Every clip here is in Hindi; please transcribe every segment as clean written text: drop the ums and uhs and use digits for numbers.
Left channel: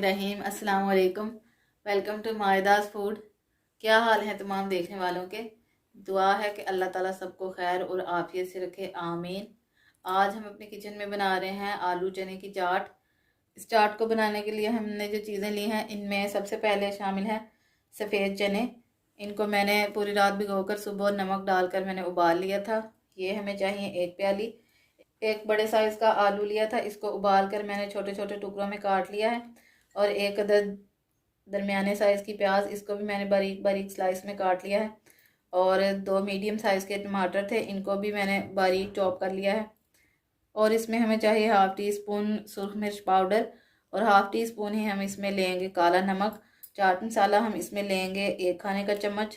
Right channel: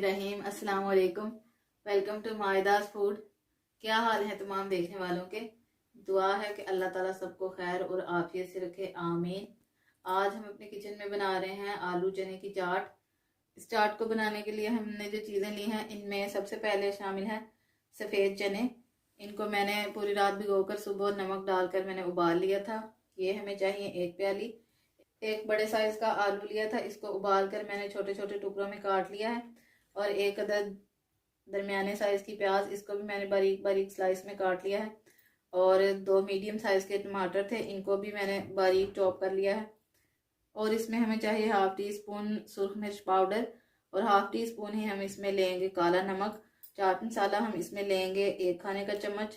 बिस्मिल्लाहिर्रहमानिर्रहीम। अस्सलाम वालेकुम। वेलकम टू मायदास फूड। क्या हाल है तमाम देखने वालों के। दुआ है कि अल्लाह ताला सबको खैर और आफियत से रखे, आमीन। आज हम अपने किचन में बना रहे हैं आलू चने की चाट। इस चाट को बनाने के लिए हमने जो चीज़ें ली हैं, इनमें सबसे पहले शामिल है सफ़ेद चने। इनको मैंने पूरी रात भिगोकर सुबह नमक डालकर मैंने उबाल लिया था। ये हमें चाहिए 1 प्याली। एक बड़े साइज़ का आलू लिया था, इसको उबाल कर मैंने छोटे छोटे टुकड़ों में काट लिया है। और एक अदद दरमियाने साइज़ की प्याज, इसको भी मैंने बारीक बारीक स्लाइस में काट लिया है। और 2 मीडियम साइज़ के टमाटर थे, इनको भी मैंने बारीक चॉप कर लिया है। और इसमें हमें चाहिए 1/2 टीस्पून सुरख मिर्च पाउडर और 1/2 टीस्पून ही हम इसमें लेंगे काला नमक। चाट मसाला हम इसमें लेंगे 1 खाने का चम्मच।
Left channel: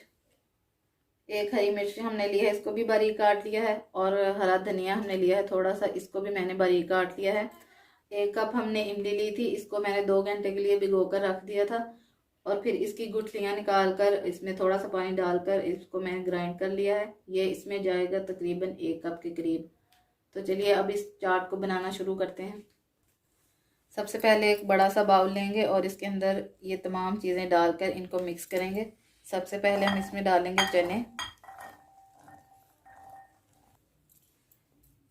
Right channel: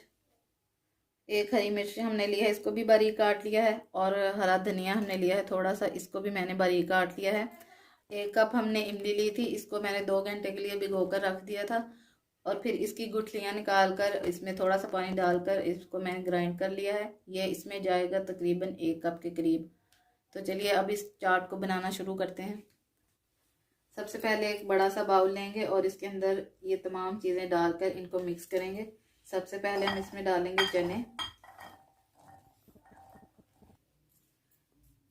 1 हरी मिर्च हमने ली है, इसको भी बारीक काट लिया है। और हरा धनिया हमने लिया है थोड़ा सा, इसको भी मैंने बारीक काट लिया है। 1 कप हमने इमली ली थी, इसको मैंने 2 घंटे के लिए भिगो कर रख दिया था। और फिर इसकी गुठलियाँ निकाल कर इसमें थोड़ा सा पानी डालकर इसको मैंने ग्राइंड कर लिया है। ये इसमें जाएगा तकरीबन 1 कप के करीब। तो चलिए अब इस चाट को बनाना शुरू करते हैं। सबसे पहले एक बड़ा सा बाउल लेंगे और इसके अंदर ये तमाम चीज़ें डालकर इनको मिक्स करेंगे। सबसे पहले हम इसमें डालेंगे चने,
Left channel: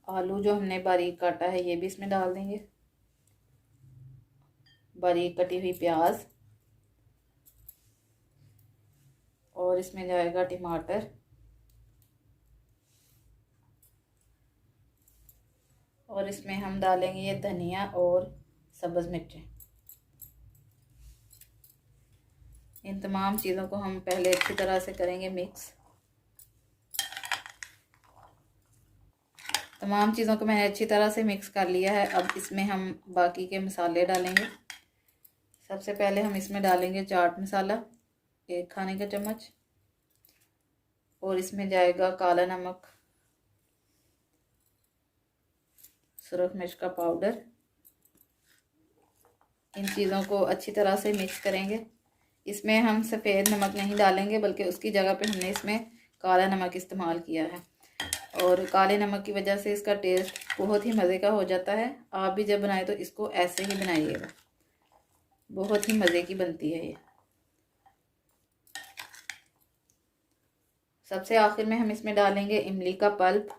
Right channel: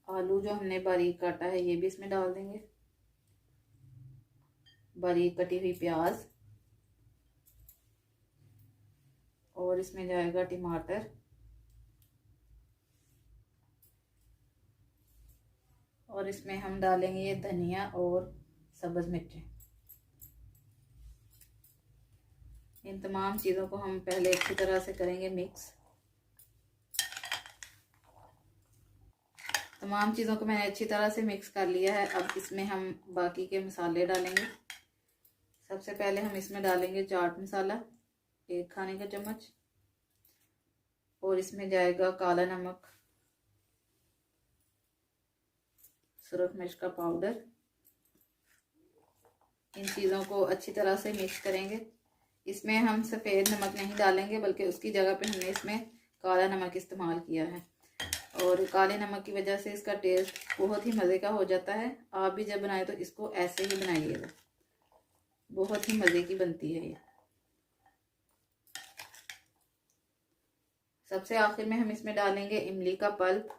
आलू जो हमने बारीक काटा है ये भी इसमें डाल देंगे, बारीक कटी हुई प्याज, और इसमें जाएगा टमाटर, और इसमें हम डालेंगे ये धनिया और सब्ज़ मिर्चें। इन तमाम चीज़ों को हम पहले अच्छी तरह से करेंगे मिक्स। तमाम चीज़ों को मैंने अच्छी तरह से मिक्स कर लिया है। अब इसमें हम बाकी के मसाले डालेंगे। सबसे पहले हम इसमें डालेंगे चाट मसाला 1 खाने का चम्मच, और इसमें जाएगा काला नमक, सुरख मिर्च का पाउडर। इन चीज़ों को अच्छी तरह से मिक्स करेंगे। इसमें हम सफ़ेद नमक नहीं डालेंगे, बल्कि उसकी जगह पे हमने इसमें काला नमक इस्तेमाल किया है। और काले नमक की वजह से इसका टेस्ट बहुत ही मज़े का हो जाता है। आप भी जब बनाए तो इसको ऐसे ही बनाइएगा, बहुत ही मज़े की बनती है ये। सबसे आखिर में हम इसमें डालेंगे इमली का पल्प,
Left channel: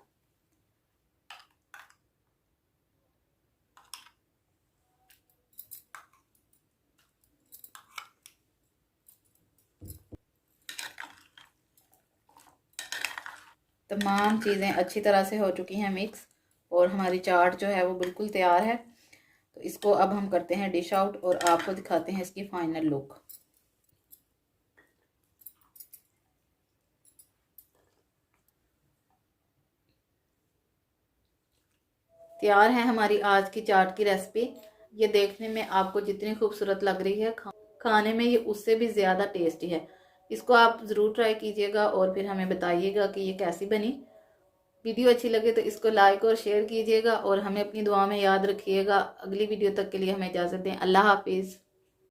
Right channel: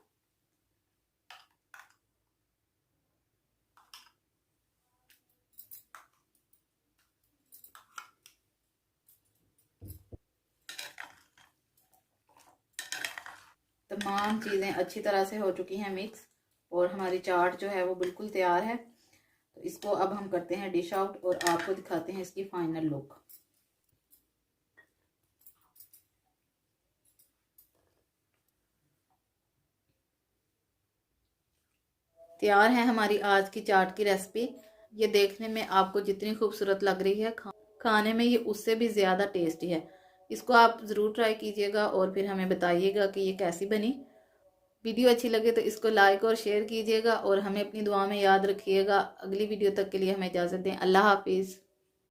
तमाम चीज़ें अच्छी तरह से हो चुकी हैं मिक्स, और हमारी चाट जो है वो बिल्कुल तैयार है। तो इसको अब हम करते हैं डिश आउट और आपको दिखाते हैं इसकी फाइनल लुक। तैयार है हमारी आज की चाट की रेसिपी। ये देखने में आपको जितनी खूबसूरत लग रही है, खाने में ये उससे भी ज़्यादा टेस्टी है। इसको आप ज़रूर ट्राई कीजिएगा और फिर हमें बताइएगा कि ये कैसी बनी। वीडियो अच्छी लगे तो इसको लाइक और शेयर कीजिएगा और हमें अपनी दुआ में याद रखिएगा। अगली वीडियो तक के लिए हमें इजाज़त दें। अल्लाह हाफिज़।